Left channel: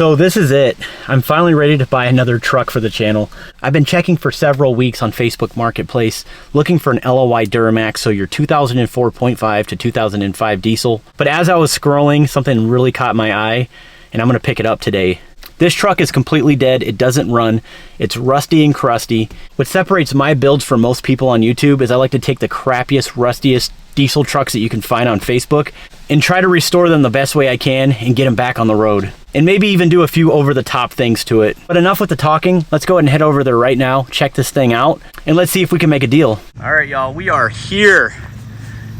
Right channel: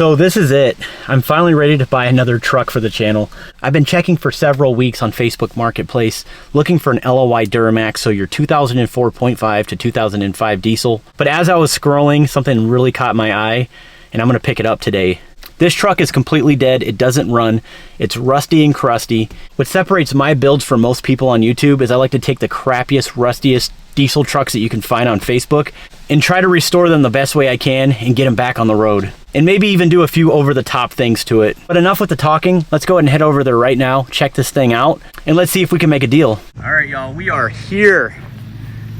So this is it. I'm finally ready to buy another truck for the channel. I've been checking for several weeks on Facebook Marketplace, looking for an LOI Duramax, so your 2004.5 to 2005 diesel. But as I was scrolling, something really caught my eye, and I'm gonna pick it up today. This truck is completely dead. It doesn't run. It's rusty and crusty. What separates my builds from most people on YouTube is I like to take the crappiest, rustiest diesel trucks that you can find on Facebook and try to restore them the best way I can and get them back on the road. And maybe even do a few over-the-top things to it. But enough with the talking. Let's go ahead and head over there right now, check this thing out, and let's see if we can make a deal. All right, y'all, we are here.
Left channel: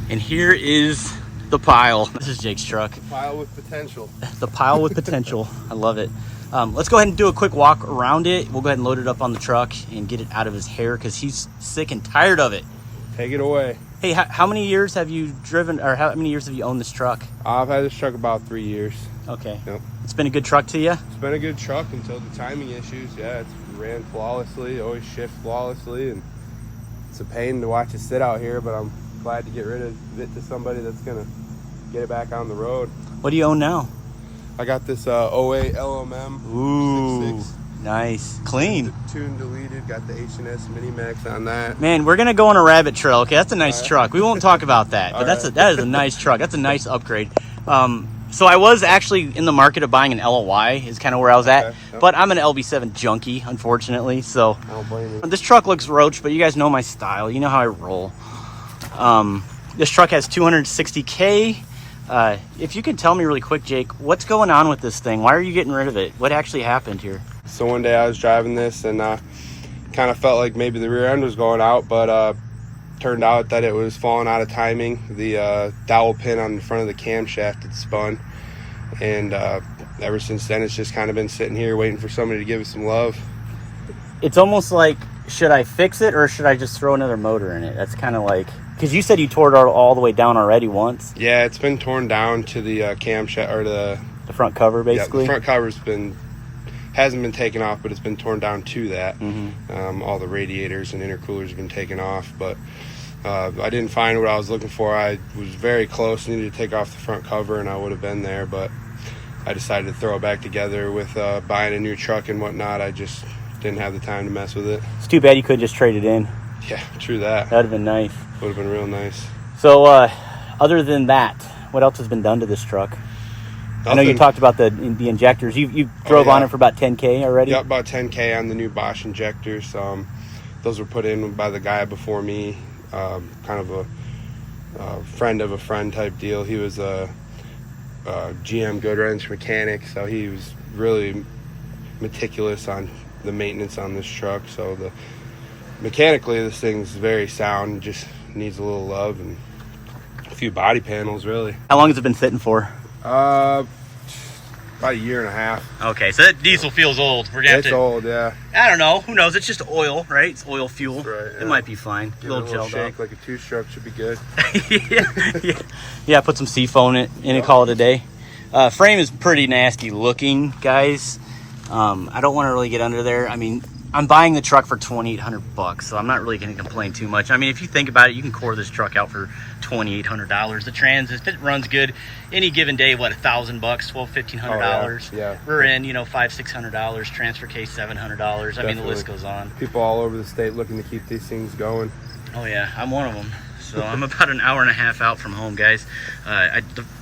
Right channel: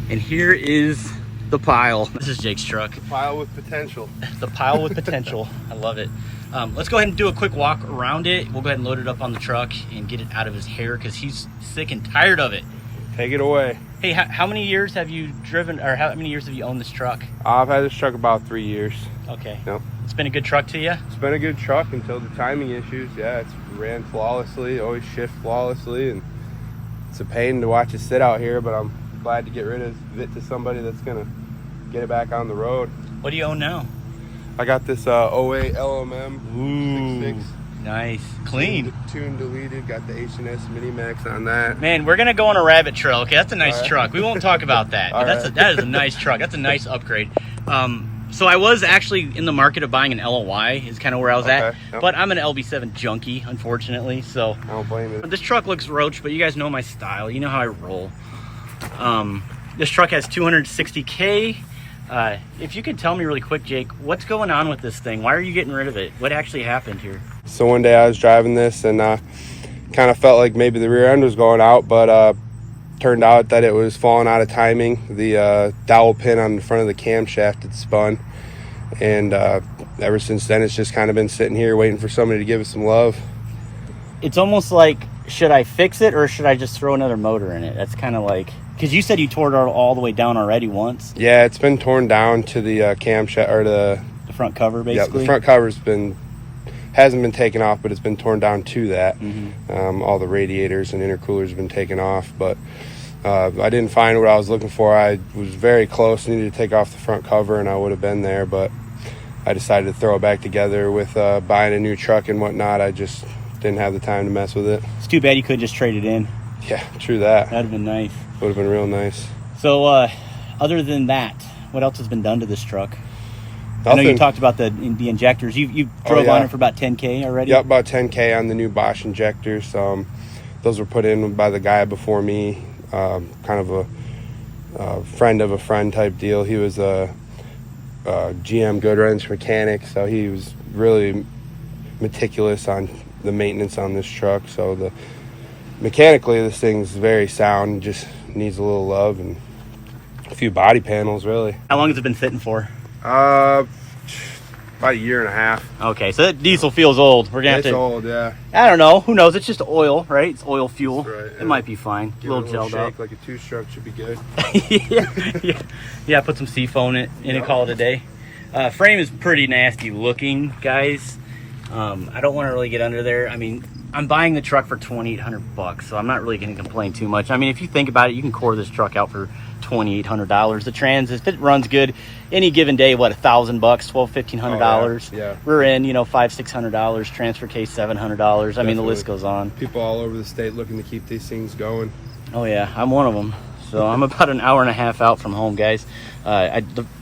And here is the pile. This is Jake's truck. The pile with potential. The pile with potential. I love it. Let's go ahead and do a quick walk around it. We'll go ahead and load it up on the truck and get it out of his hair because he's sick and tired of it. Take it away. Hey, how many years have you driven, or how many years have you owned this truck? I've had this truck about 3 years. Okay. Yep. It's been a good truck to you? It's been a good truck until the timing issues. Yeah, it's ran flawlessly, always shift flawlessly, and it's a pain to watch it sit out here, but I'm glad to get rid of it to somebody that's gonna get it back on the road. What do you own now? I got this 08 LMM. Ooh, 6.6. nice. Clean. Tune deleted, got the H&S Mini Max on that. Man, we're gonna go on a rabbit trail. Okay, that's a nice truck. We won't talk about that, but that is a nice truck. That's a nice upgrade. So I was actually in the market of buying an LOI is kind of where I was at, Yep. but I'm an LB7 junkie, unfortunately, so I don't blame you. this truck looks roach, but you guys know my style. You know how I roll. This truck has 260K. If you can tell me really quick, Jake, what's going on with this thing? Why are you getting rid of it? What actually happened here? So one day I was driving this and kind of felt like maybe the rear end was going out, but turned out that it was falling out of timing. The dowel pin on the front of the camshaft had spun, and ever since then it's just kind of been sitting here waiting for somebody to give it some love. It's almost like, should I fix it or should I just throw another motor in it? That's kind of like, because you said you tore it all the way down already once. Yeah, it's been torn down to the camshaft, or the front cover, basically. Yeah, the front cover's hasn't been taken off, but it's been torn down to that. All the radiators and intercoolers have been taken off, but I didn't find what I was looking for. I was very close, needed to take off the front cover, and I would have been there, but I decided to throw it back together with buying a new truck and whatnot. I just didn't have the time to mess with it. It's too bad you couldn't just trade it in. Yeah, true that. That'd have been nice. Would have been real nice. So, other than that, what else has been done to this truck? I know you talked about the injectors. You drove on it for about 10K already? Yeah, about 10K on the new Bosch injectors. Those were put in by the guy before me, kind of a friend of a friend type deal. He was a GM good wrench mechanic, so he was really meticulous on the maintenance on this truck. So mechanically this thing's very sound, just needs a little love and a few body panels really. How long has it been sitting for? About a year and a half. Okay, so that diesel feels old. We're gonna have to, old, yeah. I don't know, who knows? It's just oil, right? It's oil fuel. Right, yeah. It might be fine. Give A it little gelled up. like a two-stroke should be good. yeah. Put some seafoam in it and call it a day. Frame is pretty nasty looking, guys. I don't want to really get under there. I mean, I'm buying the truck for $2,800, so I'm not really going to complain too much. I mean, if you think about it, you can core this truck out for $2,800. The trans, if it runs good, any given day, what, $1,000, $1,500? Yeah. We're in, $500-600. Transfer case $700. I mean, the list goes on. People all over the state looking to keep these things going. Oh yeah, I'm one of them. So I'm about an hour and a half out from home, guys.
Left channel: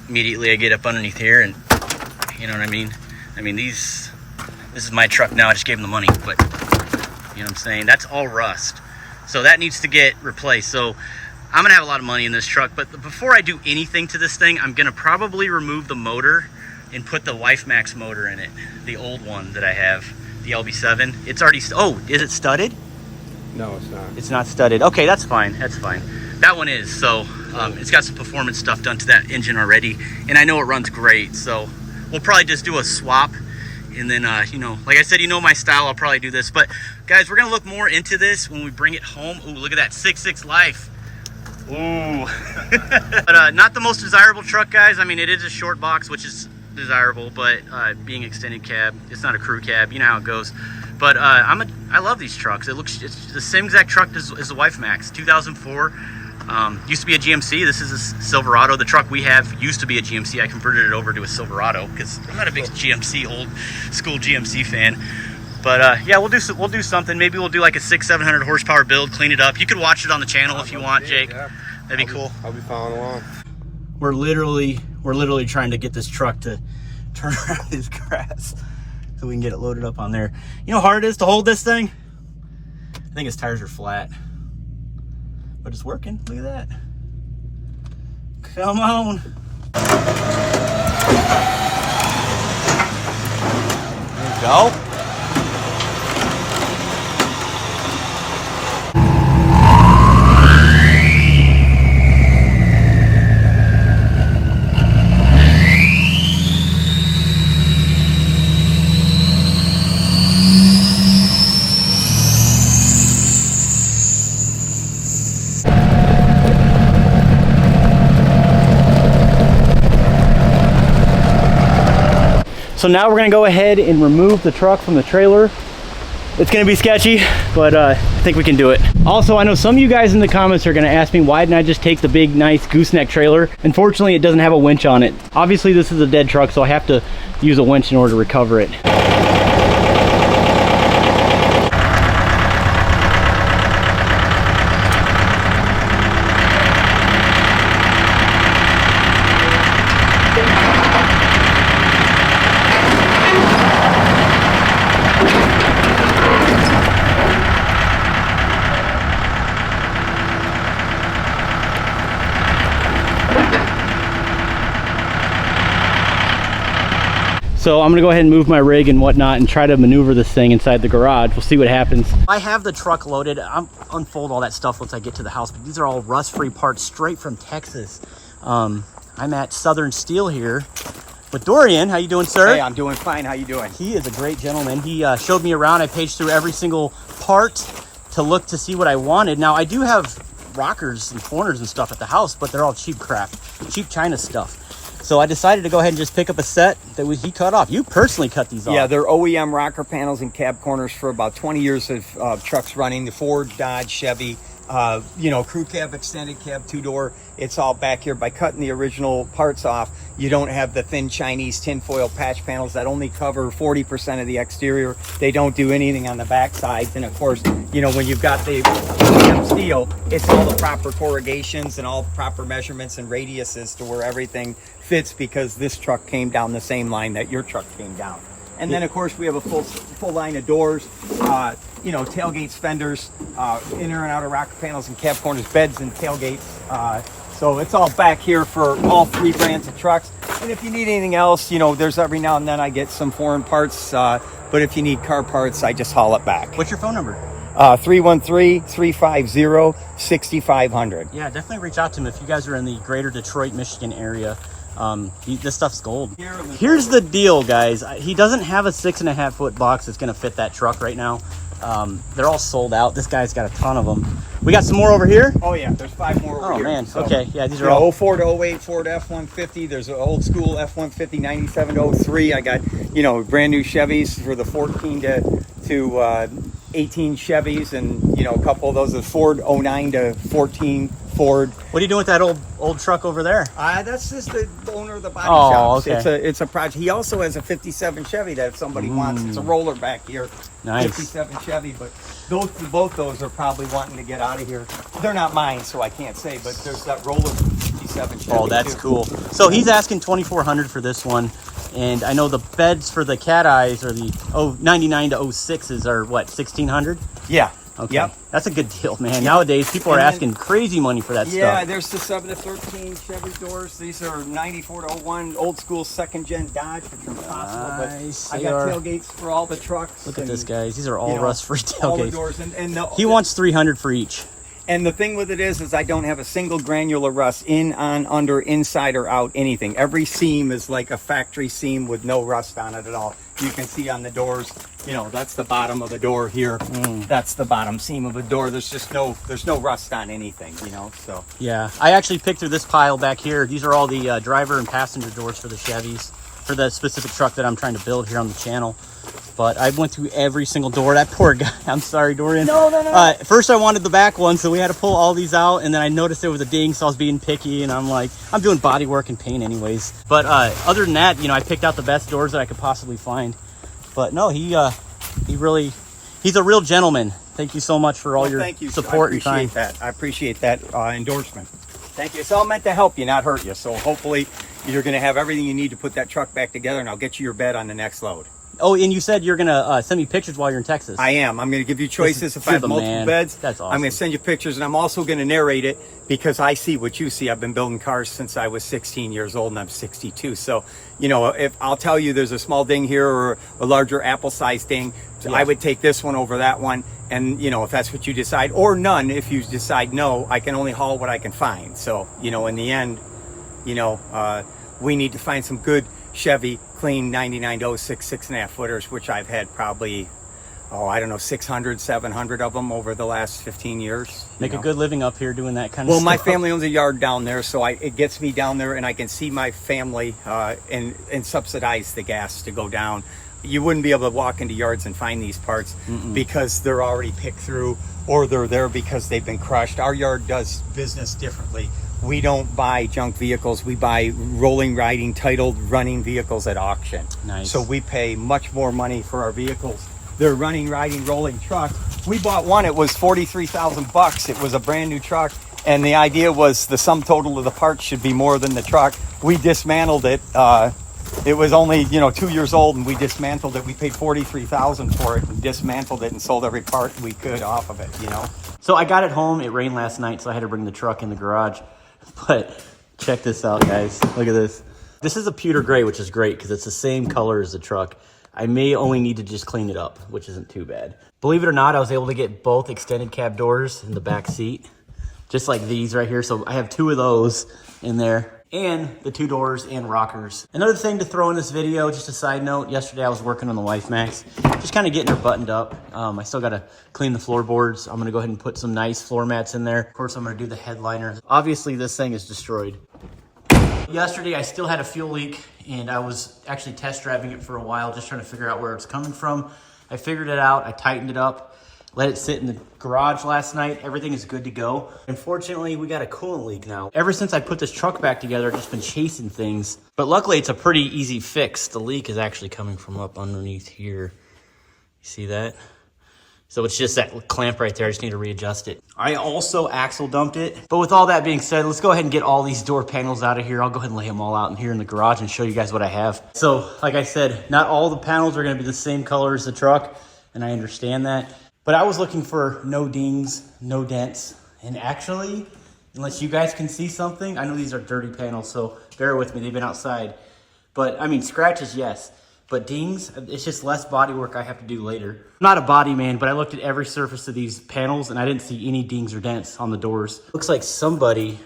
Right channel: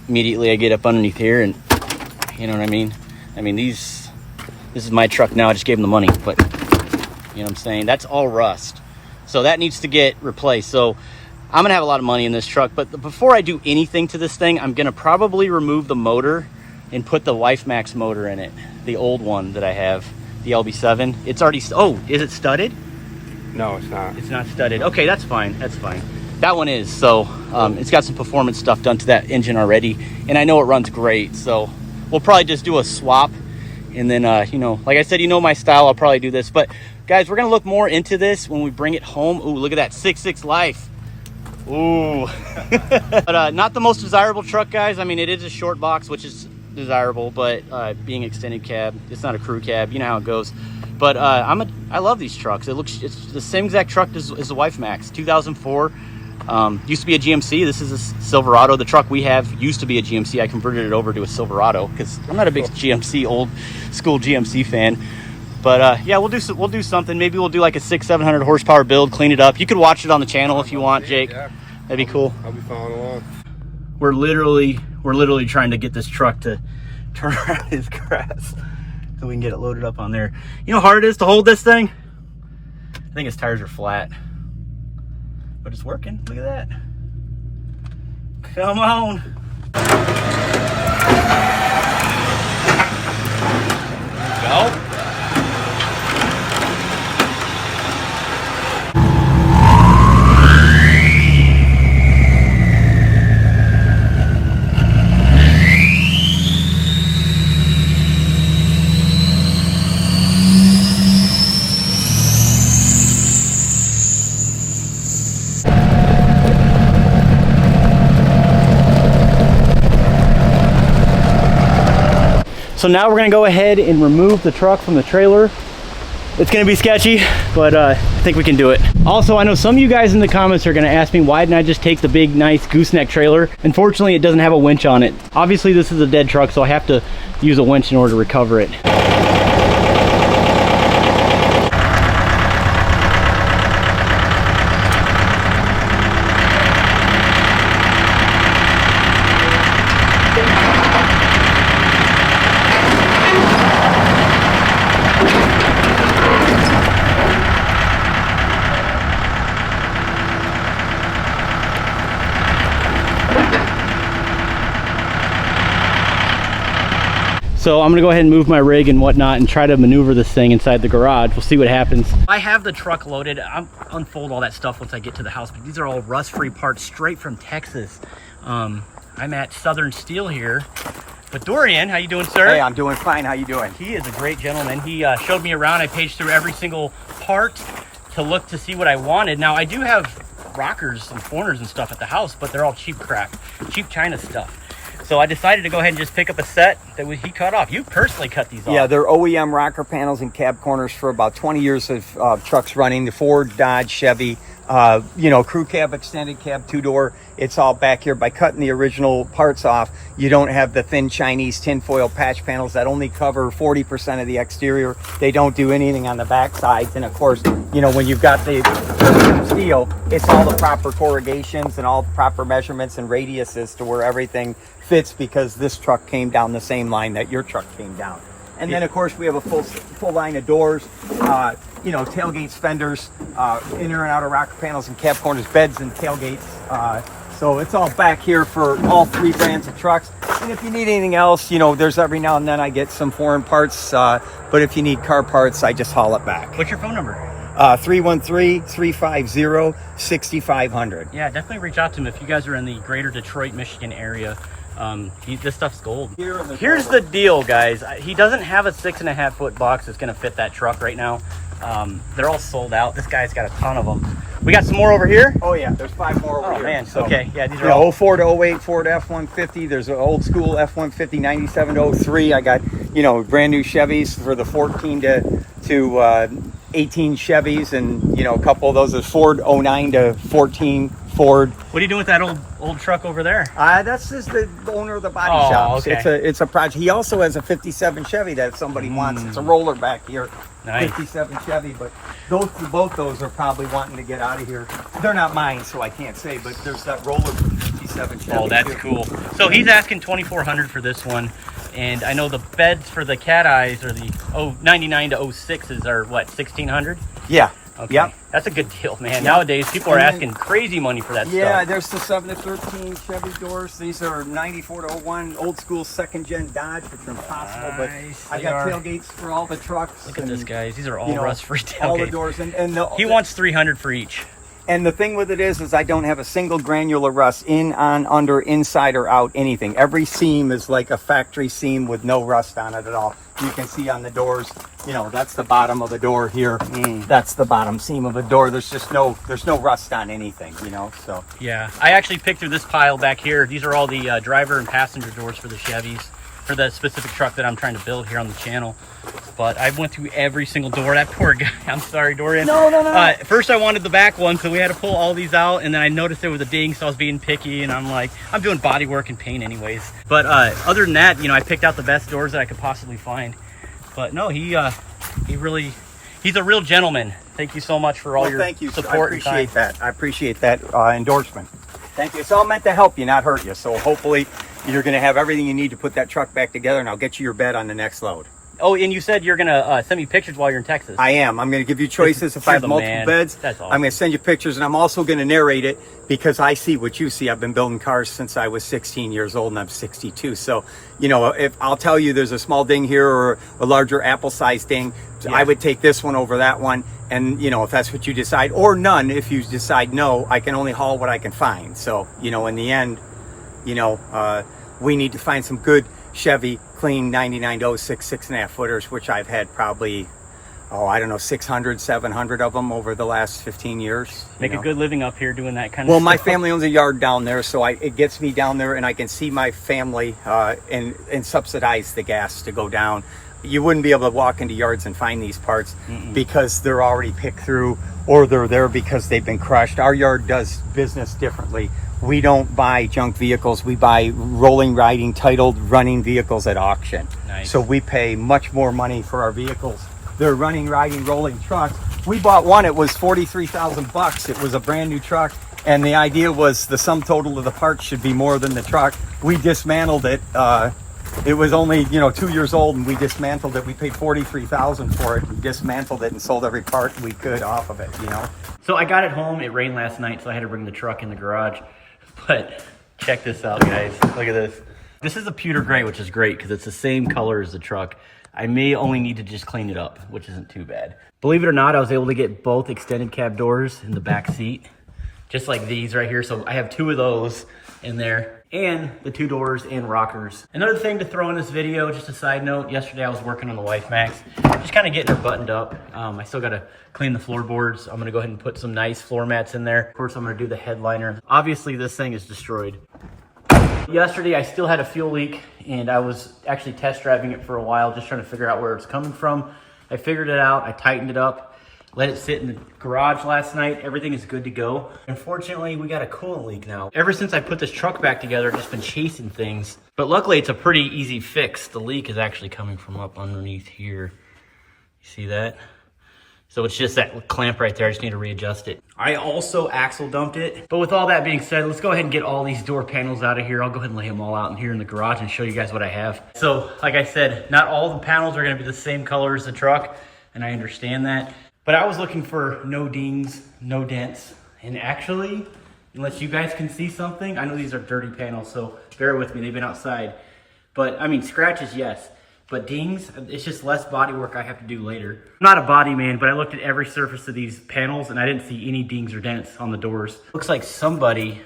Immediately I get up underneath here, and you know what I mean. This is my truck now. I just gave him the money, but you know what I'm saying? That's all rust. So that needs to get replaced. So I'm gonna have a lot of money in this truck, but before I do anything to this thing, I'm gonna probably remove the motor and put the WifeMax motor in it. The old one that I have, the LB7. It's already, oh, is it studded? No, it's not. It's not studded. Okay, that's fine, that's fine. That one is, so it's got some performance stuff done to that engine already, and I know it runs great, so we'll probably just do a swap. And then, like I said, my style, I'll probably do this. But guys, we're gonna look more into this when we bring it home. Ooh, look at that 6.6 life. Ooh. But not the most desirable truck, guys. I mean, it is a short box, which is desirable, but being extended cab, it's not a crew cab. You know how it goes. But I love these trucks. It's the same exact truck as the WifeMax, 2004. Used to be a GMC. This is a Silverado. The truck we have used to be a GMC. I converted it over to a Silverado because I'm not a big GMC, old school GMC fan. But yeah, we'll do something. Maybe we'll do like a 600-700 horsepower build, clean it up. You could watch it on the channel if you want, Jake. Yeah. That'd be cool. I'll be following along. We're literally trying to get this truck to turn around his grass so we can get it loaded up on there. You know how hard it is to hold this thing? I think his tires are flat, but it's working. Look at that. Come on. There we go. So now we're gonna go ahead and remove the truck from the trailer. It's gonna be sketchy, but I think we can do it. Also, I know some of you guys in the comments are gonna ask me, why didn't I just take the big, nice gooseneck trailer? Unfortunately, it doesn't have a winch on it. Obviously, this is a dead truck, so I have to use a winch in order to recover it. So I'm gonna go ahead and move my rig and whatnot and try to maneuver this thing inside the garage. We'll see what happens. I have the truck loaded. I'll unfold all that stuff once I get to the house, but these are all rust-free parts straight from Texas. I'm at Southern Steel here with Dorian. How you doing, sir? Hey, I'm doing fine. How you doing? He is a great gentleman. He showed me around. I paged through every single part to look to see what I wanted. Now, I do have rockers and corners and stuff at the house, but they're all cheap crap, cheap China stuff. So I decided to go ahead and just pick up a set that he cut off. You personally cut these off. Yeah, they're OEM rocker panels and cab corners for about 20 years of trucks running. The Ford, Dodge, Chevy, you know, crew cab, extended cab, two-door. It's all back here. By cutting the original parts off, you don't have the thin Chinese tinfoil patch panels that only cover 40% of the exterior. They don't do anything on the back sides. And of course, you know, when you've got the steel, it's all the proper corrugations and all the proper measurements and radiuses to where everything fits, because this truck came down the same line that your truck came down. And then of course we have a full line of doors, you know, tailgates, fenders, inner and outer rocker panels and cab corners, beds and tailgates. So it's all back here for all three brands of trucks. And if you need anything else, you know, there's every now and then I get some foreign parts, but if you need car parts, I just haul it back. What's your phone number? 313-350-6500. Yeah, definitely reach out to him if you guys are in the greater Detroit, Michigan area. This stuff's gold. Here's the deal, guys. He doesn't have a 6.5 foot box that's gonna fit that truck right now. They're all sold out. This guy's got a ton of them. We got some more over here. Oh yeah, there's 5 more over here. Man. So, okay, yeah, these are all all 04 to 08 Ford F-150. There's an old school F-150 97 to 03. I got, you know, brand new Chevys for the 14 to 18 Chevys, and you know, a couple of those is Ford 09 to 14 Ford. What are you doing with that old truck over there? That's just the owner of the body shop. Okay. It's a project. He also has a 57 Chevy that if somebody wants. It's a roller back here. Nice. 57 Chevy, but both those are probably wanting to get out of here. They're not mine, so I can't say, but there's that roller 57 Chevy. Oh, that's too. Cool. So he's asking $2,400 for this one. And I know the beds for the cat eyes or the 99 to 06s are what, 1,600? Yeah. Okay. Yep. That's a good deal, man. Yep. Nowadays, people are asking crazy money for that Yeah, stuff. there's the 7 to 13 Chevy doors. These are 94 to 01 old school second gen Dodge, which are impossible. Nice. But I got tailgates for all the trucks. Look at this, guys. These are all you know, rust-free tailgates. all the doors, He wants $300 for each. And the thing with it is I don't have a single granular rust in, on, under, inside, or out, anything. Every seam is like a factory seam with no rust on it at all. You can see on the doors, you know, that's the bottom of the door here. That's the bottom seam of the door. There's no rust on anything, you know, so. Yeah, I actually picked through this pile back here. These are all the driver and passenger doors for the Chevys, for the specific truck that I'm trying to build here on the channel. but I went through every single door. That poor guy. I'm sorry, Dorian. No. First I wanted the back one, so we had to pull all these out, and then I noticed there was a ding, so I was being picky, and I'm like, I'm doing body work and paint anyways. But other than that, you know, I picked out the best doors that I could possibly find. But no, he's a real gentleman. Thank you so much for all your support. I appreciate that. I appreciate that endorsement. Thank you. It's all meant to help you, not hurt you. So hopefully you're going to have everything you need to put that truck back together, and I'll get you your bed on the next load. Oh, and you said you're going to send me pictures while you're in Texas. I am. I'm going to give you choices. If I have multiple beds, that's awesome. I'm going to send you pictures, and I'm also going to narrate it because I see what you see. I've been building cars since I was 16 years old, and I'm 62. So, you know, if I'll tell you there's a small ding here or a larger apple-sized ding, yeah, I would take this one over that one. And, you know, if that's what you decide, or none, if you decide no, I can only haul what I can find. So, you know, in the end, you know, we need to find some good Chevy clean 99 to 06 6.5 footers, which I've had probably, I don't know, 600, 700 of them over the last 15 years. Make a good living up here doing that kind of stuff. Well, my my family owns a yard down there, so it gets me down there, and I can see my family and subsidize the gas to go down. You wouldn't be able to walk into yards and find these parts because they're already picked through, or they're there because they've been crushed. Our yard does business differently. We don't buy junk vehicles. We buy rolling, riding, titled, running vehicles at auction. Nice. So we pay much more money for our vehicles. They're running, riding, rolling trucks. We bought one. It was $43,000. It was a brand new truck, and the idea was the sum total of the parts should be more than the truck. We dismantled it. It was only, 2 years old, and we dismantled it. We paid $43,000 for it. We dismantled it and sold every part we could off of it, So I got it home. It rained last night, so I had to bring the truck in the garage. But check this out, guys. Look at this. This is a pewter gray, which is great because it's the same color as the truck. I may only need to just clean it up, which isn't too bad. Believe it or not, I was able to get both extended cab doors in the back seat, just like these right here. So I have 2 of those in there, and the 2 doors and rockers. Another thing to throw in this video, just a side note, yesterday I was working on the Wife Max, just kind of getting her buttoned up. I still got to clean the floorboards. I'm going to go ahead and put some nice floor mats in there. Of course, I'm going to do the headliner. Obviously, this thing is destroyed. Yesterday, I still had a fuel leak, and I was actually test driving it for a while, just trying to figure out where it's coming from. I figured it out. I tightened it up, let it sit in the garage last night. Everything is good to go. Unfortunately, we got a coolant leak now. Ever since I put this truck back together, I've just been chasing things. But luckily, it's a pretty easy fix. The leak is actually coming from up underneath here. You see that? So it's just that clamp right there. I just need to readjust it. I also axle dumped it. But with all that being said, let's go ahead and get all these door panels out of here. I'll go ahead and lay them all out in here in the garage and show you guys what I have. So like I said, not all the panels are gonna be the same color as the truck, and I understand that. But I was looking for no dings, no dents. And actually, unless you guys can see something, I know these are dirty panels, so bear with me, they've been outside. But I mean, scratches, yes. But dings, it's just less body work I have to do later. I'm not a body man, but I looked at every surface of these panels and I didn't see any dings or dents on the doors. Looks like somebody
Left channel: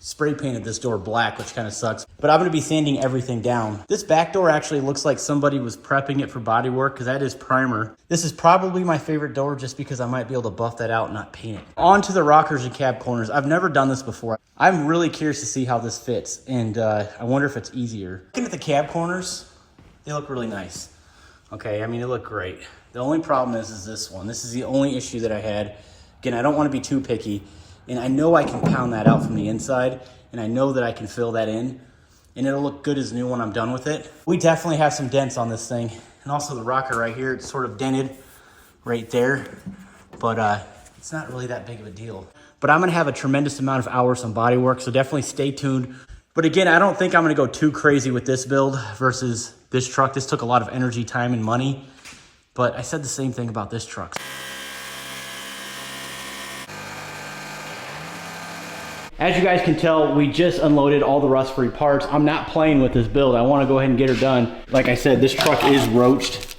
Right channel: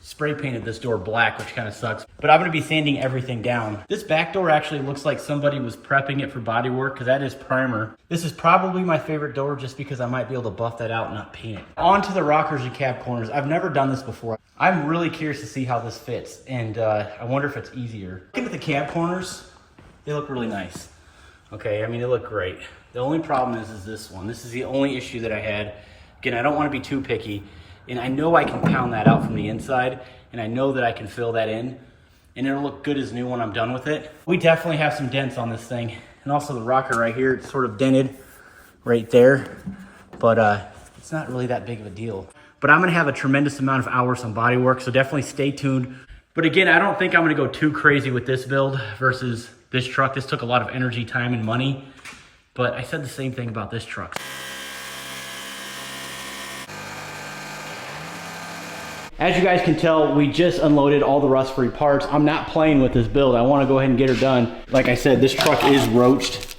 spray painted this door black, which kind of sucks. But I'm gonna be sanding everything down. This back door actually looks like somebody was prepping it for body work because that is primer. This is probably my favorite door just because I might be able to buff that out and not paint it. On to the rockers and cab corners. I've never done this before. I'm really curious to see how this fits, and I wonder if it's easier. Looking at the cab corners, they look really nice. Okay, I mean, they look great. The only problem is this one. This is the only issue that I had. Again, I don't want to be too picky, and I know I can pound that out from the inside, and I know that I can fill that in, and it'll look good as new when I'm done with it. We definitely have some dents on this thing, and also the rocker right here, it's sort of dented right there, but it's not really that big of a deal. But I'm gonna have a tremendous amount of hours on body work, so definitely stay tuned. But again, I don't think I'm gonna go too crazy with this build versus this truck. This took a lot of energy, time, and money, but I said the same thing about this truck. As you guys can tell, we just unloaded all the rust-free parts. I'm not playing with this build. I wanna go ahead and get her done. Like I said, this truck is roached.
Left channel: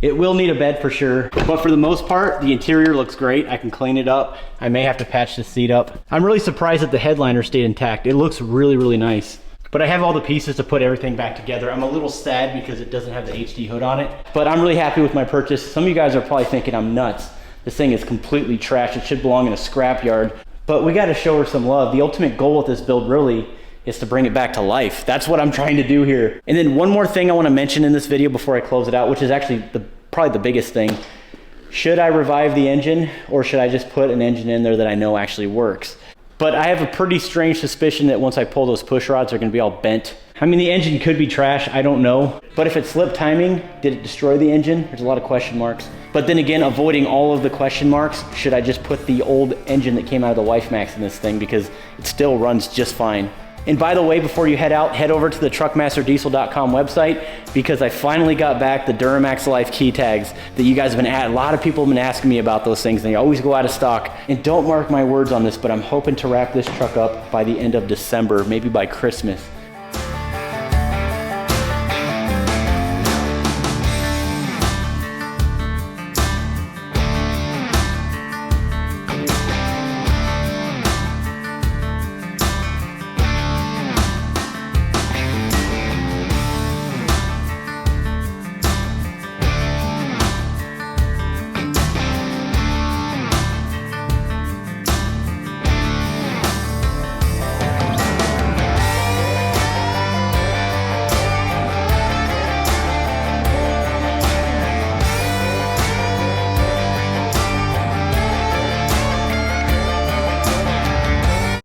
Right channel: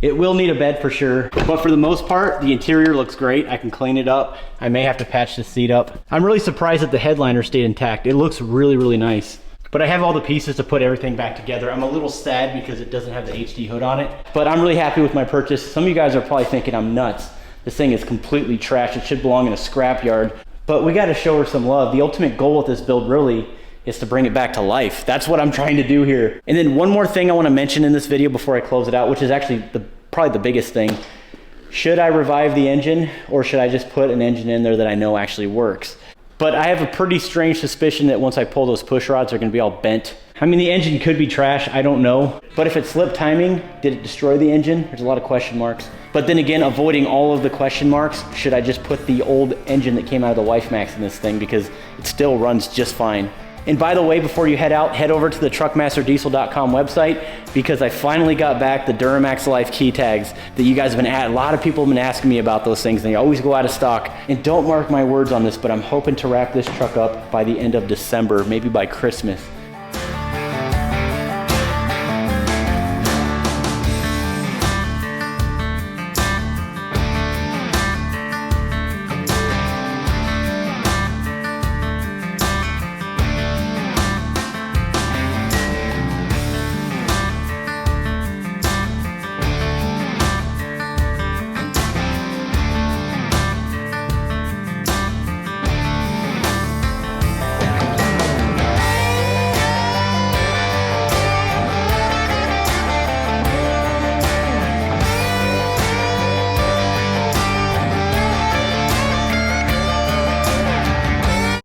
It will need a bed for sure, but for the most part, the interior looks great. I can clean it up. I may have to patch the seat up. I'm really surprised that the headliner stayed intact. It looks really, really nice. But I have all the pieces to put everything back together. I'm a little sad because it doesn't have the HD hood on it, but I'm really happy with my purchase. Some of you guys are probably thinking I'm nuts. This thing is completely trash. It should belong in a scrap yard, but we gotta show her some love. The ultimate goal with this build really is to bring it back to life. That's what I'm trying to do here. And then one more thing I want to mention in this video before I close it out, which is actually probably the biggest thing. Should I revive the engine, or should I just put an engine in there that I know actually works? But I have a pretty strange suspicion that once I pull those push rods, they're gonna be all bent. I mean, the engine could be trash, I don't know. But if it slipped timing, did it destroy the engine? There's a lot of question marks. But then again, avoiding all of the question marks, should I just put the old engine that came out of the WifeMax in this thing, because it still runs just fine. And by the way, before you head out, head over to the truckmasterdiesel.com website, because I finally got back the Duramax Life key tags that you guys have been a lot of people have been asking me about those things, and they always go out of stock. And don't mark my words on this, but I'm hoping to wrap this truck up by the end of December, maybe by Christmas.